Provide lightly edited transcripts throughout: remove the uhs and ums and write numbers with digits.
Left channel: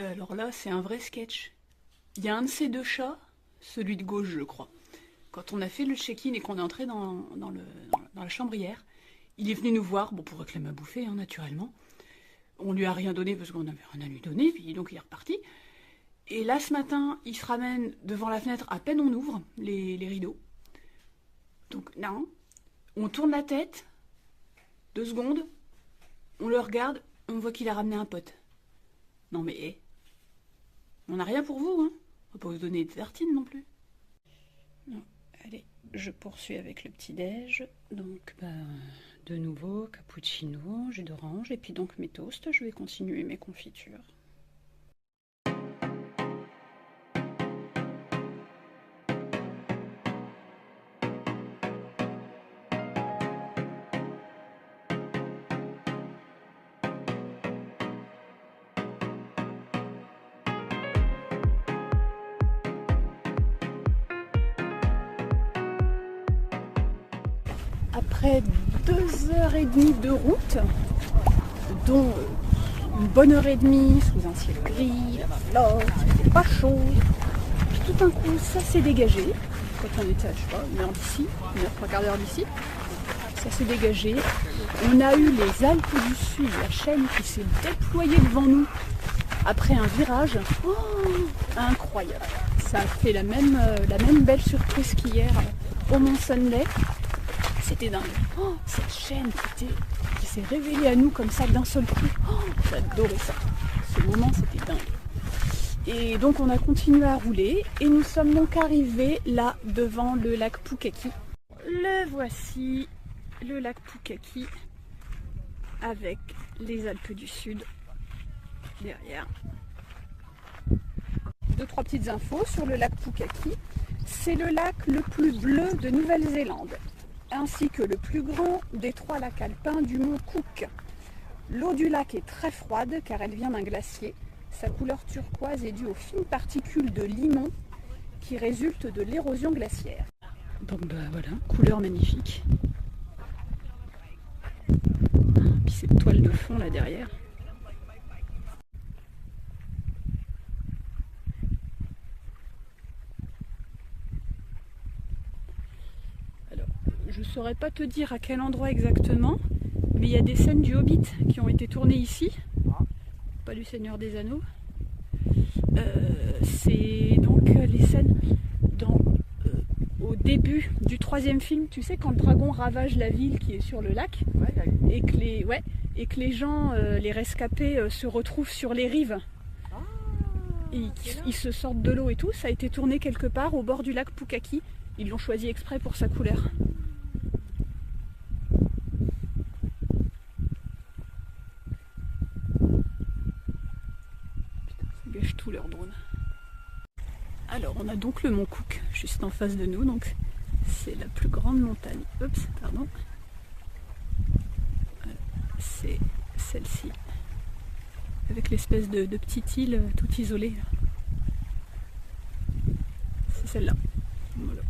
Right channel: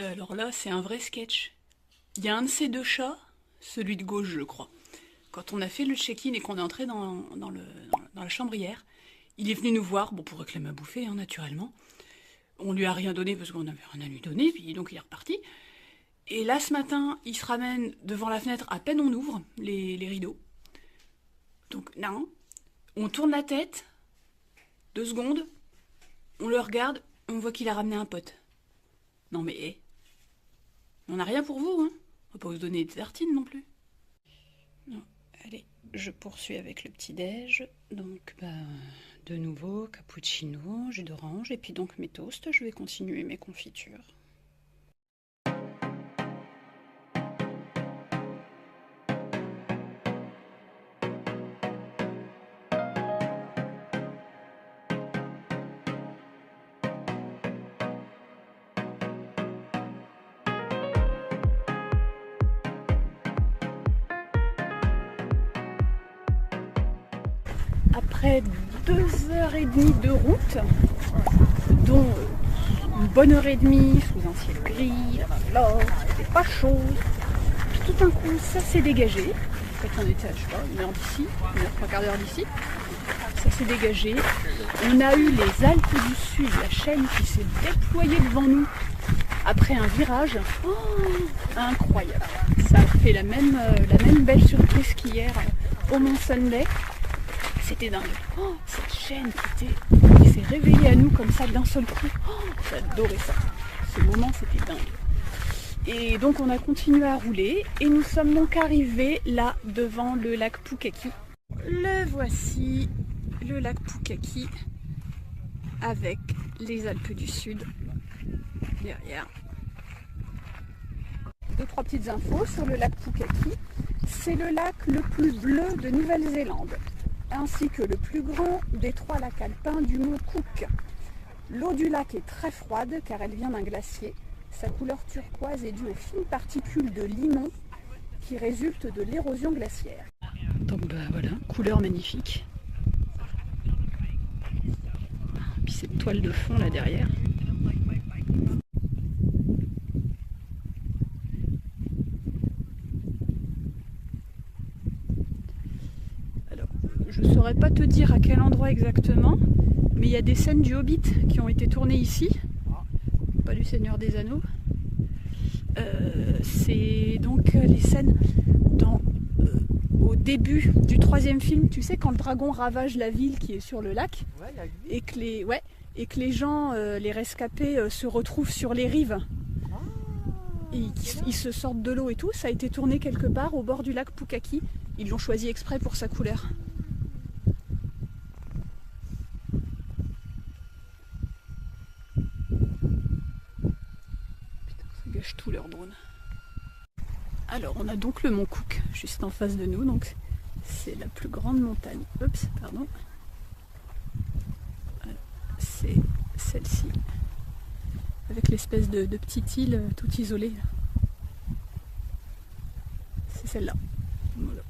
Alors là, c'est un vrai sketch. Il y a un de ces deux chats, celui de gauche, je crois. Quand on a fait le check-in et qu'on est entré dans la chambre hier, il est venu nous voir, bon, pour réclamer à bouffer, hein, naturellement. On lui a rien donné parce qu'on n'avait rien à lui donner, puis donc il est reparti. Et là, ce matin, il se ramène devant la fenêtre, à peine on ouvre les rideaux. Donc, non, on tourne la tête, 2 secondes, on le regarde, on voit qu'il a ramené un pote. Non mais, on n'a rien pour vous, hein. On va pas vous donner des tartines non plus. Non, allez, je poursuis avec le petit-déj. Donc, de nouveau, cappuccino, jus d'orange, et puis donc mes toasts, je vais continuer mes confitures. Après 2h30 de route, dont une bonne heure et demie sous un ciel gris, là, c'était pas chaud. Puis tout d'un coup, ça s'est dégagé. Quand on était à, je sais pas, 1h d'ici, 1h, 3/4 d'heure d'ici, ça s'est dégagé. On a eu les Alpes du Sud, la chaîne qui s'est déployée devant nous après un virage. Oh, incroyable. Ça a fait la même belle surprise qu'hier au Mont Sunday. C'était dingue. Oh, cette chaîne qui s'est réveillée à nous comme ça d'un seul coup. Oh, j'adorais ça. Ce moment, c'était dingue. Et donc, on a continué à rouler. Et nous sommes donc arrivés là, devant le lac Pukaki. Le voici, le lac Pukaki, avec les Alpes du Sud derrière. 2-3 petites infos sur le lac Pukaki. C'est le lac le plus bleu de Nouvelle-Zélande, ainsi que le plus grand des 3 lacs alpins du mont Cook. L'eau du lac est très froide car elle vient d'un glacier. Sa couleur turquoise est due aux fines particules de limon qui résultent de l'érosion glaciaire. Donc voilà, couleur magnifique. Puis cette toile de fond là derrière. Je ne saurais pas te dire à quel endroit exactement, mais il y a des scènes du Hobbit qui ont été tournées ici, pas du Seigneur des Anneaux. C'est donc les scènes au début du 3e film, tu sais, quand le dragon ravage la ville qui est sur le lac, et que les gens, les rescapés, se retrouvent sur les rives. Et ils se sortent de l'eau et tout, ça a été tourné quelque part au bord du lac Pukaki. Ils l'ont choisi exprès pour sa couleur. Tout leur drone. Alors on a donc le mont Cook juste en face de nous, donc c'est la plus grande montagne. Oups, pardon. Voilà, c'est celle-ci, avec l'espèce de petite île toute isolée. C'est celle-là. Voilà.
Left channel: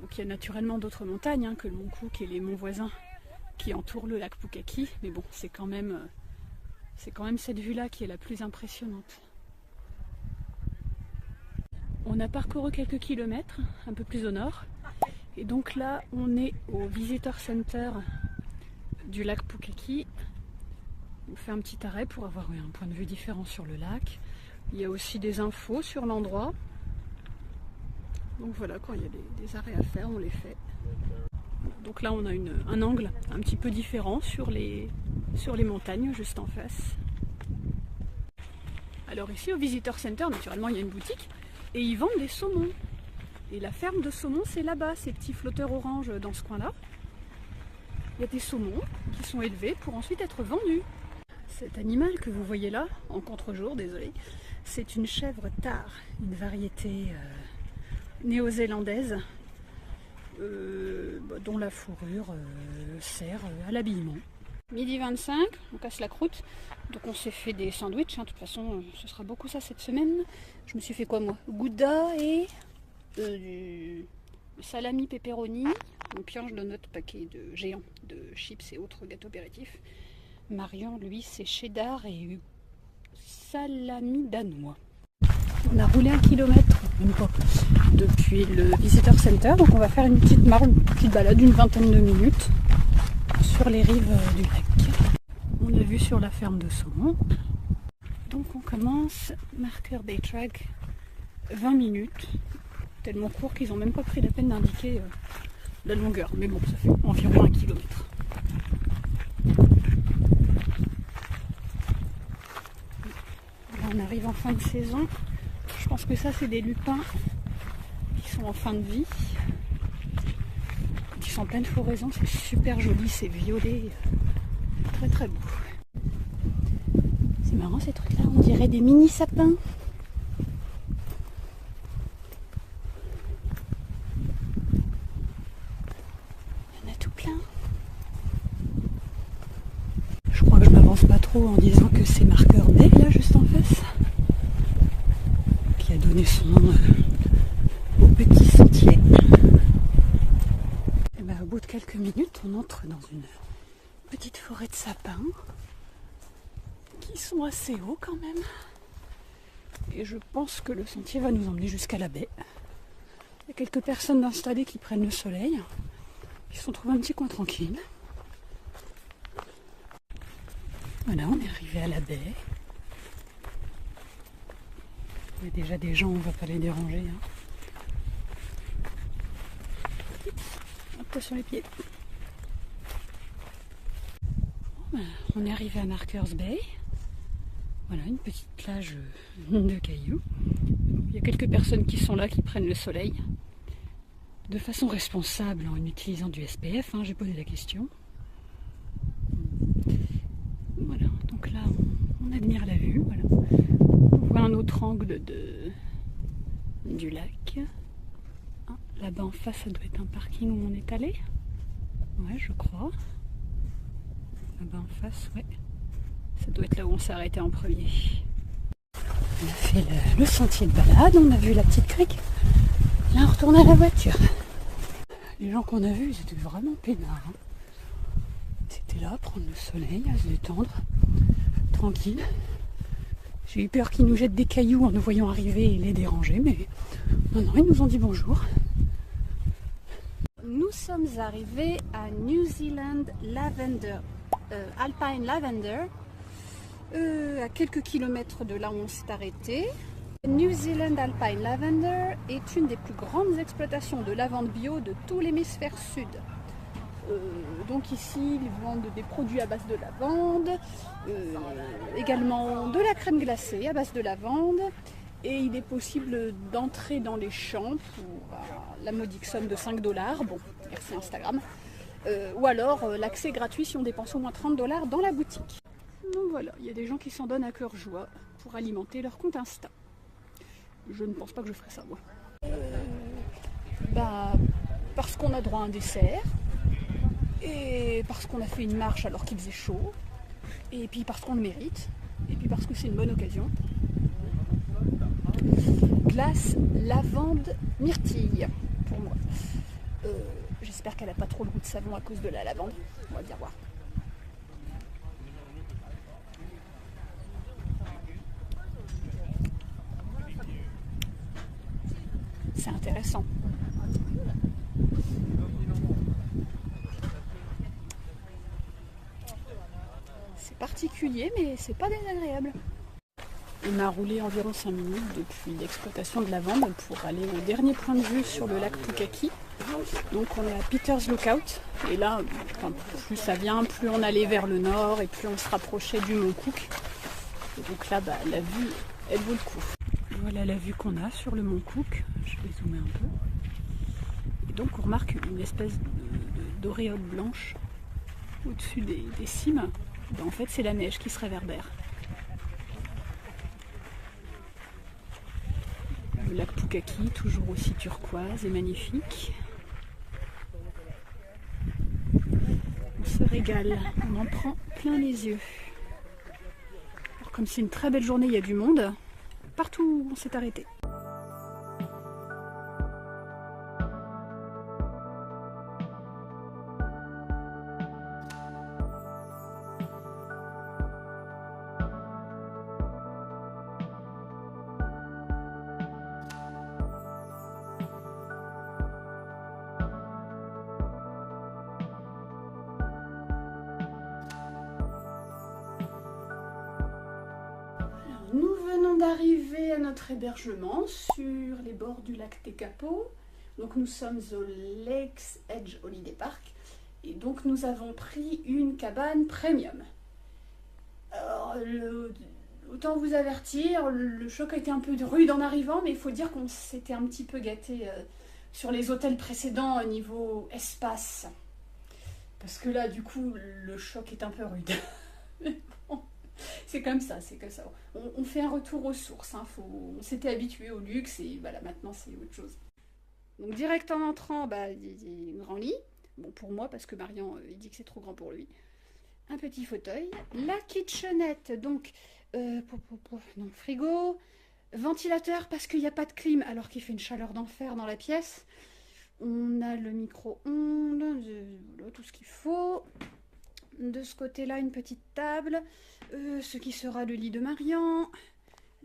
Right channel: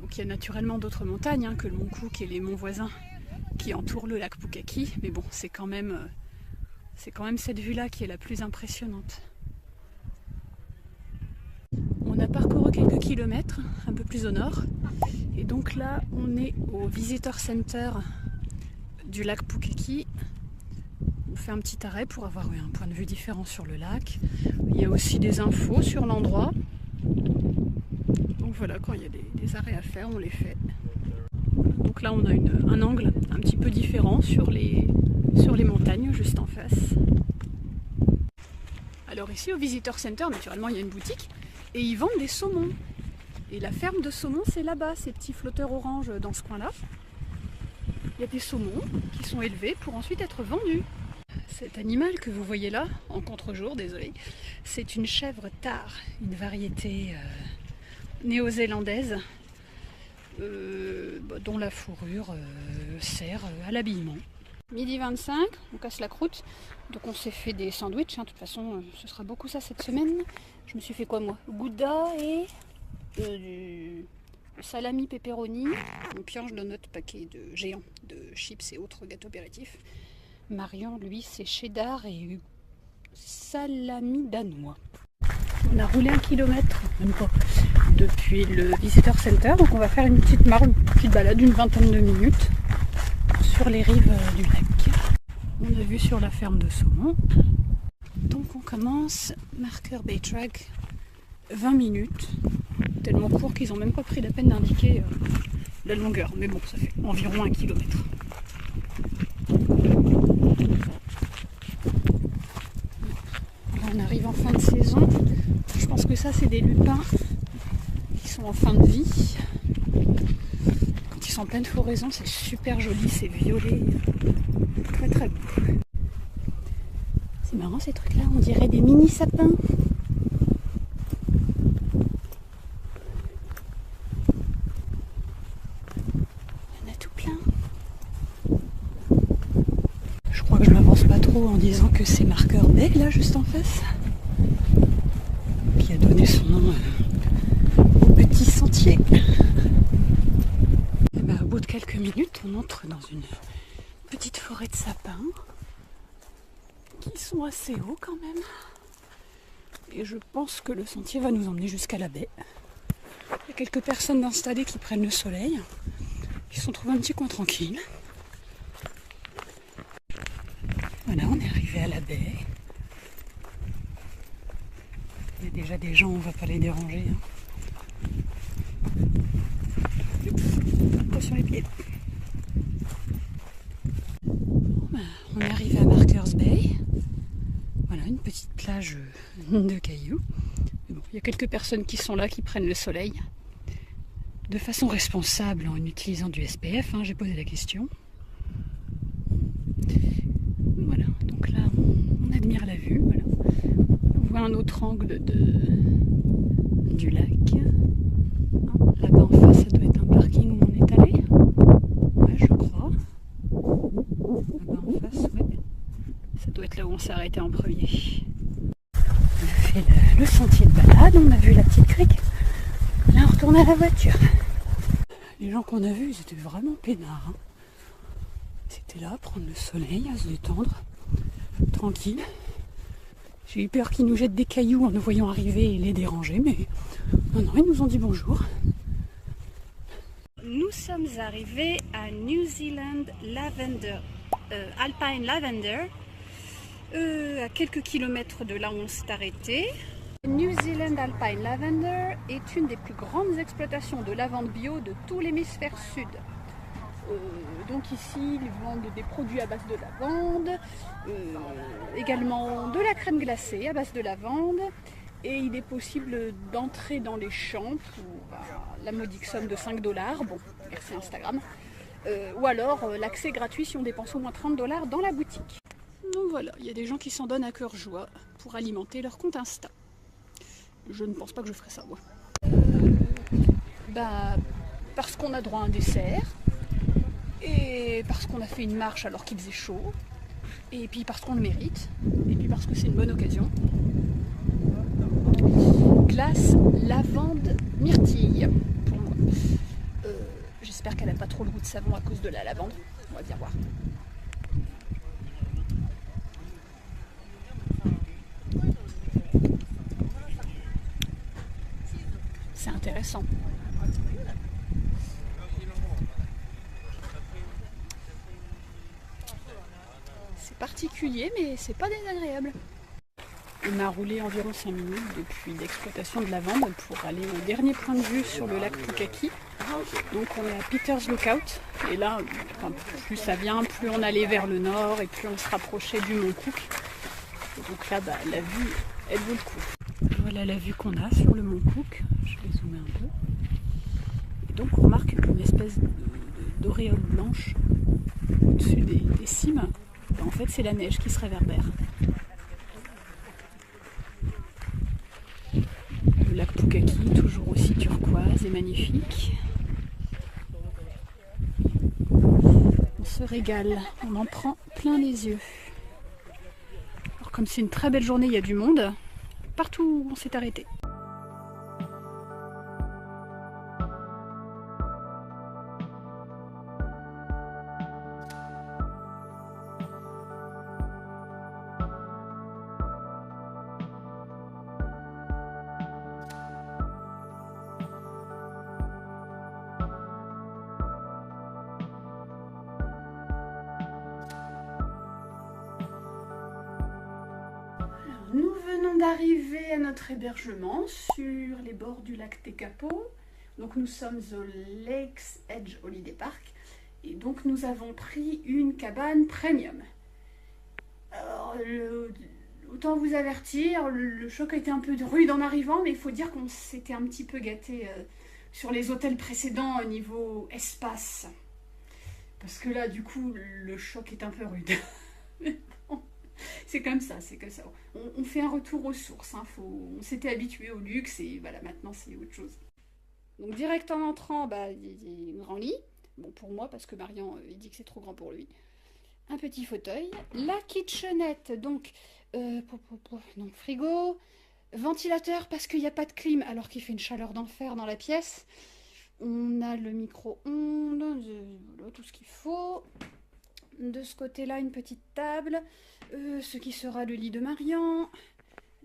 Donc il y a naturellement d'autres montagnes hein, que le mont Cook et les monts voisins qui entourent le lac Pukaki, mais bon, c'est quand même cette vue-là qui est la plus impressionnante. On a parcouru quelques kilomètres, un peu plus au nord, et donc là on est au Visitor Center du lac Pukaki. On fait un petit arrêt pour avoir un point de vue différent sur le lac. Il y a aussi des infos sur l'endroit. Donc voilà, quand il y a des arrêts à faire, on les fait. Donc là on a un angle un petit peu différent sur les montagnes juste en face. Alors ici au Visitor Center, naturellement il y a une boutique et ils vendent des saumons. Et la ferme de saumons c'est là-bas, ces petits flotteurs oranges dans ce coin-là. Il y a des saumons qui sont élevés pour ensuite être vendus. Cet animal que vous voyez là, en contre-jour, désolé, c'est une chèvre tare, une variété néo-zélandaise dont la fourrure sert à l'habillement. Midi 25, on casse la croûte, donc on s'est fait des sandwichs, de toute façon ce sera beaucoup ça cette semaine. Je me suis fait quoi moi? Gouda et du salami pepperoni. On pioche dans notre paquet de géants de chips et autres gâteaux apéritifs. Marion, lui, c'est cheddar et salami danois. On a roulé 1 kilomètre depuis le Visitor Center, donc on va faire une petite balade d'une vingtaine de minutes sur les rives du lac. On a vu sur la ferme de saumon. Donc on commence, marqueur Bay Track, 20 minutes. Tellement court qu'ils n'ont même pas pris la peine d'indiquer la longueur. Mais bon, ça fait environ 1 kilomètre. Là on arrive en fin de saison. Je pense que ça c'est des lupins qui sont en fin de vie. Quand ils sont en pleine floraison, c'est super joli, c'est violet. Très très beau. C'est marrant ces trucs là, on dirait des mini sapins. Il y en a tout plein. Je crois que je m'avance pas trop en disant que c'est marqueur Bay là juste en face, qui a donné son nom au petit sentier. Et ben, au bout de quelques minutes, on entre dans une petite forêt de sapins qui sont assez hauts quand même. Et je pense que le sentier va nous emmener jusqu'à la baie. Il y a quelques personnes installées qui prennent le soleil, qui se sont trouvées un petit coin tranquille. Voilà, on est arrivé à la baie. Il y a déjà des gens, on ne va pas les déranger. Attention les pieds. Bon, ben, on est arrivé à Markers Bay. Voilà, une petite plage de cailloux. Il y a quelques personnes qui sont là, qui prennent le soleil. De façon responsable, en utilisant du SPF, j'ai posé la question. Voilà, donc là, on admire la vue. Voilà. On voit un autre angle du lac. Là-bas en face, ça doit être un parking où on est allé. Ouais, je crois. Là-bas en face, ouais. Ça doit être là où on s'est arrêté en premier. On a fait le sentier de balade, on a vu la petite crique. Là, on retourne à la voiture. Les gens qu'on a vus, ils étaient vraiment peinards. C'était là, à prendre le soleil, à se détendre, tranquille. J'ai eu peur qu'ils nous jettent des cailloux en nous voyant arriver et les déranger, mais non, ils nous ont dit bonjour. Nous sommes arrivés à New Zealand Lavender, Alpine Lavender, à quelques kilomètres de là où on s'est arrêté. New Zealand Alpine Lavender est une des plus grandes exploitations de lavande bio de tout l'hémisphère sud. Donc ici, ils vendent des produits à base de lavande, également de la crème glacée à base de lavande, et il est possible d'entrer dans les champs pour la modique somme de 5 $. Bon, merci Instagram. Ou alors l'accès gratuit si on dépense au moins 30 $ dans la boutique. Donc voilà, il y a des gens qui s'en donnent à cœur joie pour alimenter leur compte Insta. Je ne pense pas que je ferai ça, moi. Parce qu'on a droit à un dessert, et parce qu'on a fait une marche alors qu'il faisait chaud, et puis parce qu'on le mérite, et puis parce que c'est une bonne occasion. Glace lavande myrtille pour moi. J'espère qu'elle n'a pas trop le goût de savon à cause de la lavande. On va bien voir. C'est intéressant. C'est particulier, mais c'est pas désagréable. On a roulé environ 5 minutes depuis l'exploitation de lavande pour aller au dernier point de vue sur le lac Pukaki. Donc on est à Peter's Lookout. Et là, plus ça vient, plus on allait vers le nord et plus on se rapprochait du Mont Cook. Et donc là, la vue elle vaut le coup. Voilà la vue qu'on a sur le mont Cook. Je vais zoomer un peu. Et donc on remarque une espèce d'auréole blanche au-dessus des cimes. Ben, en fait c'est la neige qui se réverbère. Le lac Pukaki, toujours aussi turquoise et magnifique. On se régale, on en prend plein les yeux. Alors comme c'est une très belle journée, il y a du monde. Partout où on s'est arrêté. Nous venons d'arriver à notre hébergement sur les bords du lac Tekapo. Donc nous sommes au Lakes Edge Holiday Park. Et donc nous avons pris une cabane premium. Alors, autant vous avertir, le choc a été un peu rude en arrivant, mais il faut dire qu'on s'était un petit peu gâté sur les hôtels précédents au niveau espace. Parce que là, du coup, le choc est un peu rude. C'est comme ça, c'est comme ça. On fait un retour aux sources. Hein. On s'était habitué au luxe et voilà, maintenant c'est autre chose. Donc direct en entrant, bah, il y a un grand lit. Bon, pour moi, parce que Marian, il dit que c'est trop grand pour lui. Un petit fauteuil. La kitchenette, donc, frigo, ventilateur parce qu'il n'y a pas de clim alors qu'il fait une chaleur d'enfer dans la pièce. On a le micro-ondes, voilà, tout ce qu'il faut. De ce côté-là, une petite table, ce qui sera le lit de Marian.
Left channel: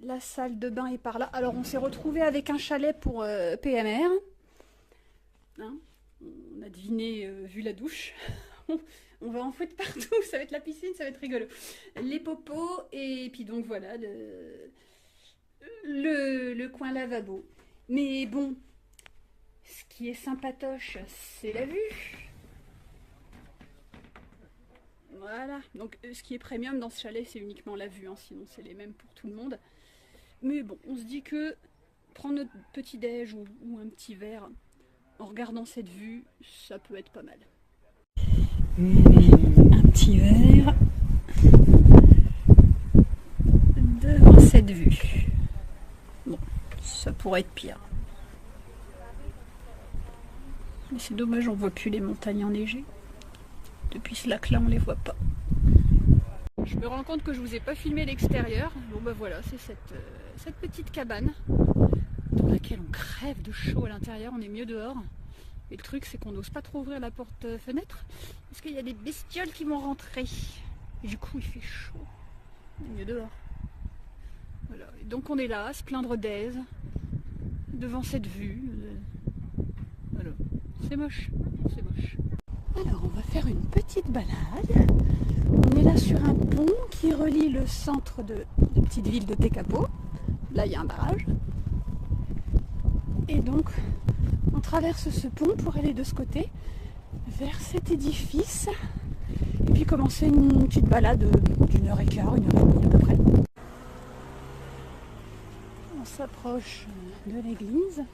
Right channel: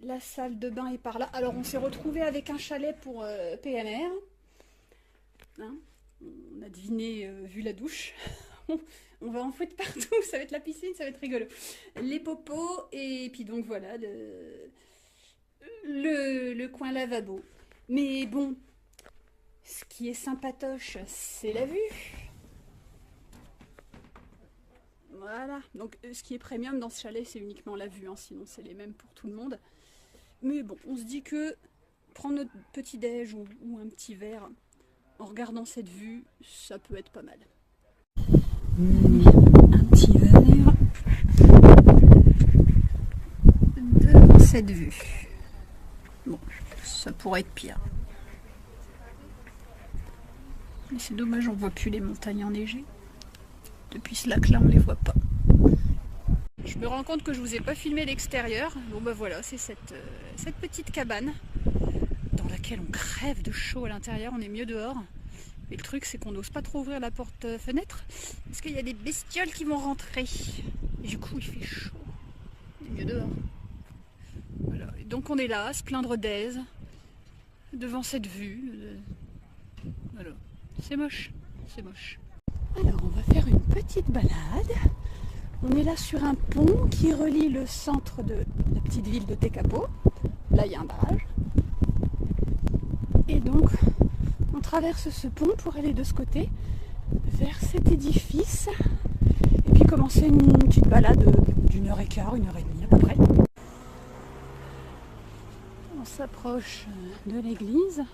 La salle de bain est par là. Alors, on s'est retrouvé avec un chalet pour PMR. Hein, on a deviné, vu la douche. On va en foutre partout, ça va être la piscine, ça va être rigolo. Les popos, et puis donc voilà, le coin lavabo. Mais bon, ce qui est sympatoche, c'est la vue. Voilà, donc ce qui est premium dans ce chalet, c'est uniquement la vue, hein, sinon c'est les mêmes pour tout le monde. Mais bon, on se dit que prendre notre petit déj ou un petit verre en regardant cette vue, ça peut être pas mal. Un petit verre devant cette vue. Bon, ça pourrait être pire. Mais c'est dommage, on voit plus les montagnes enneigées. Depuis ce lac-là, on les voit pas. Je me rends compte que je vous ai pas filmé l'extérieur. Bon bah voilà, c'est cette petite cabane dans laquelle on crève de chaud à l'intérieur. On est mieux dehors. Et le truc, c'est qu'on n'ose pas trop ouvrir la porte-fenêtre parce qu'il y a des bestioles qui vont rentrer. Et du coup, il fait chaud. On est mieux dehors. Voilà. Et donc on est là, à se plaindre d'aise devant cette vue. Voilà. C'est moche. C'est moche. Alors, on va faire une petite balade. On est là sur un pont qui relie le centre de la petite ville de Tekapo. Là, il y a un barrage. Et donc, on traverse ce pont pour aller de ce côté, vers cet édifice. Et puis commencer une petite balade d'1h15, 1h30 à peu près. On s'approche de l'église.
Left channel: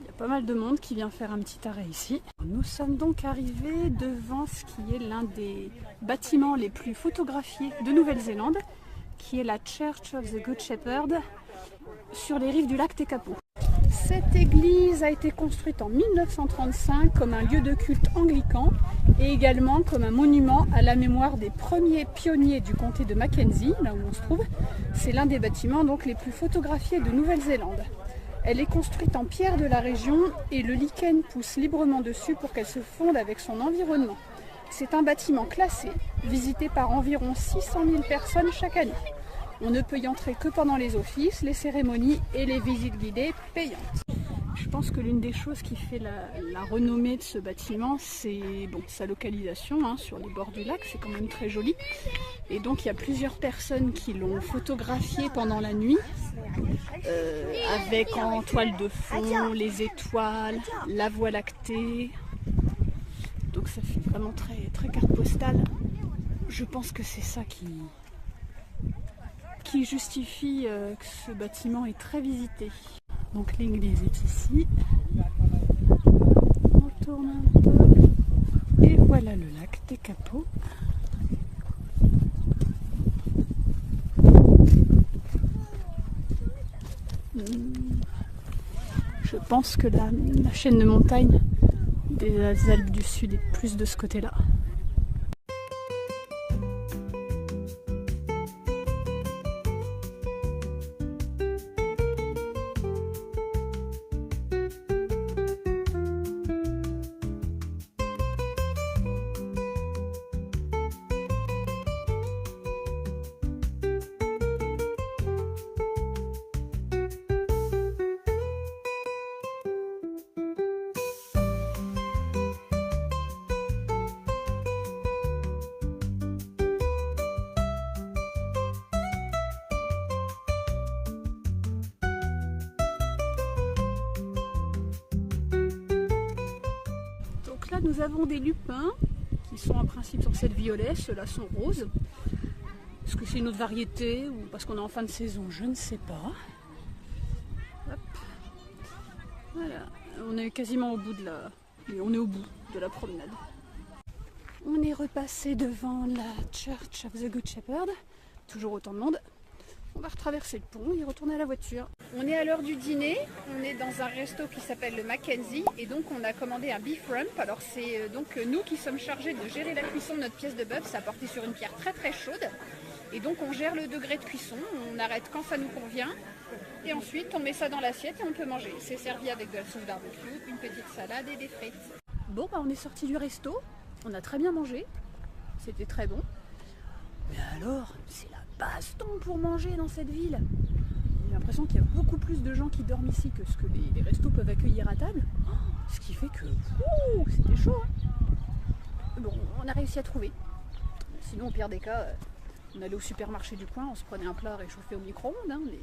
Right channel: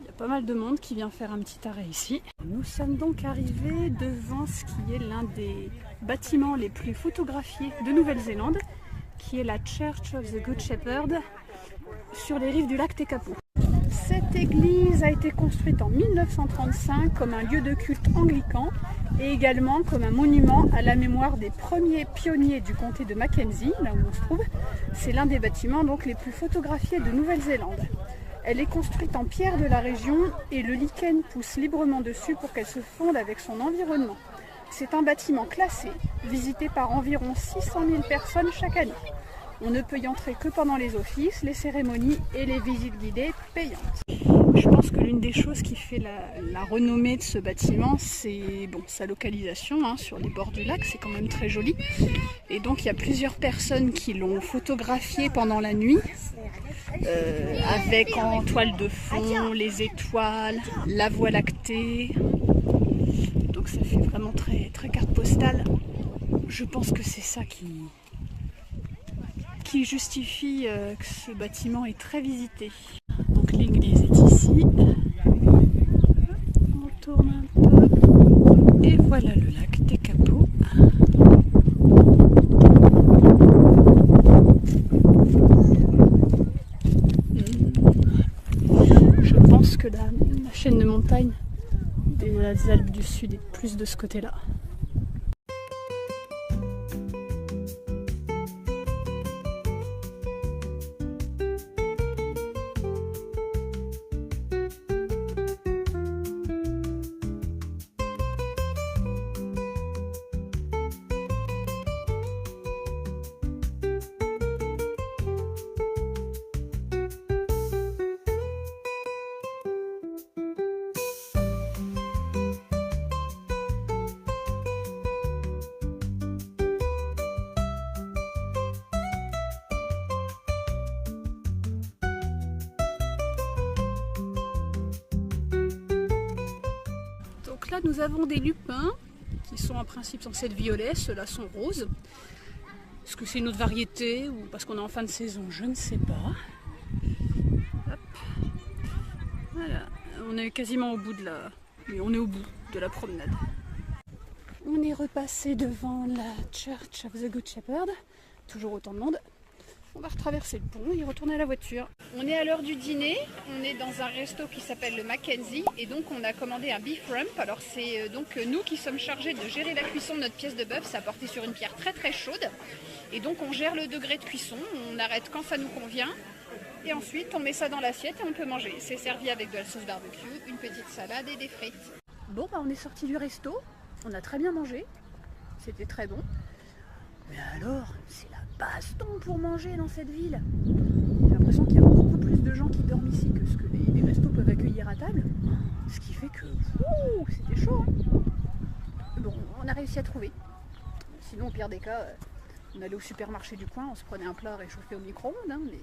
Il y a pas mal de monde qui vient faire un petit arrêt ici. Nous sommes donc arrivés devant ce qui est l'un des bâtiments les plus photographiés de Nouvelle-Zélande, qui est la Church of the Good Shepherd, sur les rives du lac Tekapo. Cette église a été construite en 1935 comme un lieu de culte anglican et également comme un monument à la mémoire des premiers pionniers du comté de Mackenzie, là où on se trouve. C'est l'un des bâtiments donc les plus photographiés de Nouvelle-Zélande. Elle est construite en pierre de la région et le lichen pousse librement dessus pour qu'elle se fonde avec son environnement. C'est un bâtiment classé, visité par environ 600 000 personnes chaque année. On ne peut y entrer que pendant les offices, les cérémonies et les visites guidées payantes. Je pense que l'une des choses qui fait la renommée de ce bâtiment, c'est bon, sa localisation hein, sur les bords du lac, c'est quand même très joli. Et donc il y a plusieurs personnes qui l'ont photographié pendant la nuit, avec en toile de fond les étoiles, la voie lactée. Donc ça fait vraiment très, très carte postale. Je pense que c'est ça qui qui justifie que ce bâtiment est très visité. Donc l'église est ici. On tourne un peu. Et voilà le lac des Capots. Je pense que la chaîne de montagne des Alpes du Sud est plus de ce côté-là. Donc là nous avons des lupins qui sont en principe censés être violets, ceux-là sont roses. Est-ce que c'est une autre variété ou parce qu'on est en fin de saison, je ne sais pas. Hop. Voilà, on est quasiment au bout de la... Mais on est au bout de la promenade. On est repassé devant la Church of the Good Shepherd, toujours autant de monde. On va retraverser le pont et retourner à la voiture. On est à l'heure du dîner, on est dans un resto qui s'appelle le Mackenzie et donc on a commandé un beef rump. Alors c'est donc nous qui sommes chargés de gérer la cuisson de notre pièce de bœuf, ça porté sur une pierre très très chaude. Et donc on gère le degré de cuisson, on arrête quand ça nous convient et ensuite on met ça dans l'assiette et on peut manger. C'est servi avec de la sauce barbecue, une petite salade et des frites. Bon bah on est sorti du resto, on a très bien mangé, c'était très bon. Mais alors, c'est la baston pour manger dans cette ville. J'ai l'impression qu'il y a beaucoup plus de gens qui dorment ici que ce que les restos peuvent accueillir à table. Ce qui fait que c'était chaud. Hein. Bon, on a réussi à trouver. Sinon, au pire des cas, on allait au supermarché du coin, on se prenait un plat réchauffé au micro-ondes. Hein, mais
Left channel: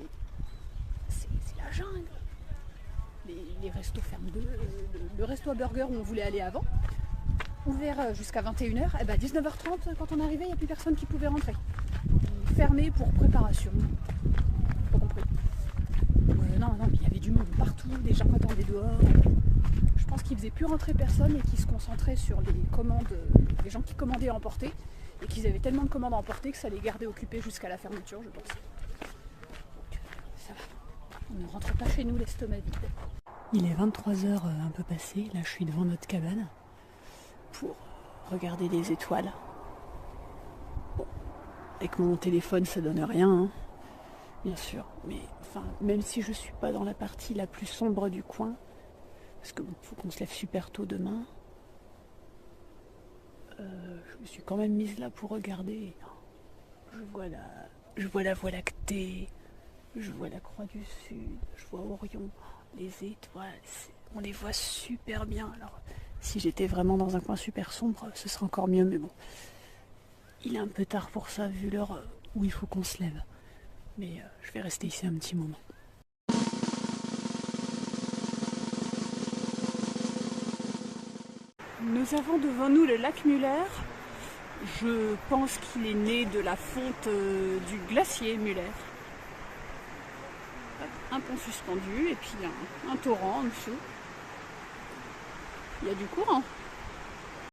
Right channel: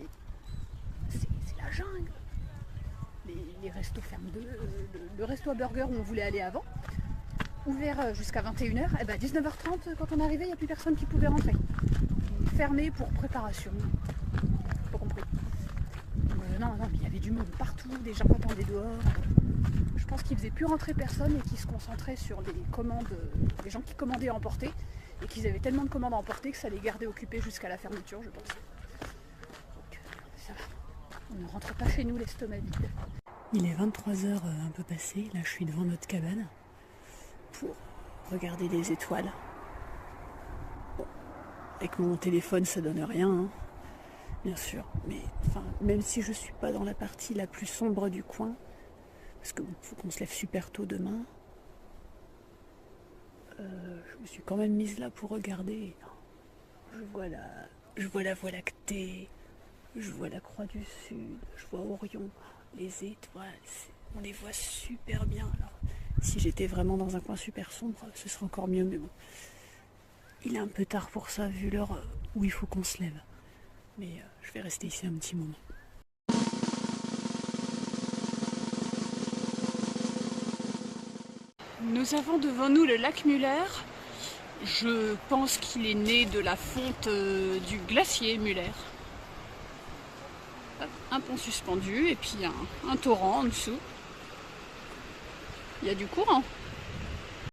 c'est la jungle. Les restos ferment le resto à burger où on voulait aller avant, ouvert jusqu'à 21h, et ben 19h30 quand on arrivait, il n'y a plus personne qui pouvait rentrer. Fermé pour préparation. Pas compris. Non, mais il y avait du monde partout, des gens attendaient dehors. Je pense qu'ils faisaient plus rentrer personne et qu'ils se concentraient sur les commandes, les gens qui commandaient à emporter, et qu'ils avaient tellement de commandes à emporter que ça les gardait occupés jusqu'à la fermeture, je pense. Donc, ça va. On ne rentre pas chez nous l'estomac vide. Il est 23h un peu passé, là je suis devant notre cabane pour regarder les étoiles. Bon, avec mon téléphone ça donne rien, hein, bien sûr, mais enfin, même si je suis pas dans la partie la plus sombre du coin, parce qu'il faut qu'on se lève super tôt demain, je me suis quand même mise là pour regarder. Je vois la Voie lactée, je vois la Croix du Sud, je vois Orion, les étoiles, on les voit super bien. Alors, si j'étais vraiment dans un coin super sombre, ce serait encore mieux, mais bon. Il est un peu tard pour ça, vu l'heure où il faut qu'on se lève. Mais je vais rester ici un petit moment. Nous avons devant nous le lac Muller. Je pense qu'il est né de la fonte du glacier Muller. Un pont suspendu et puis un torrent en dessous. Il y a du courant.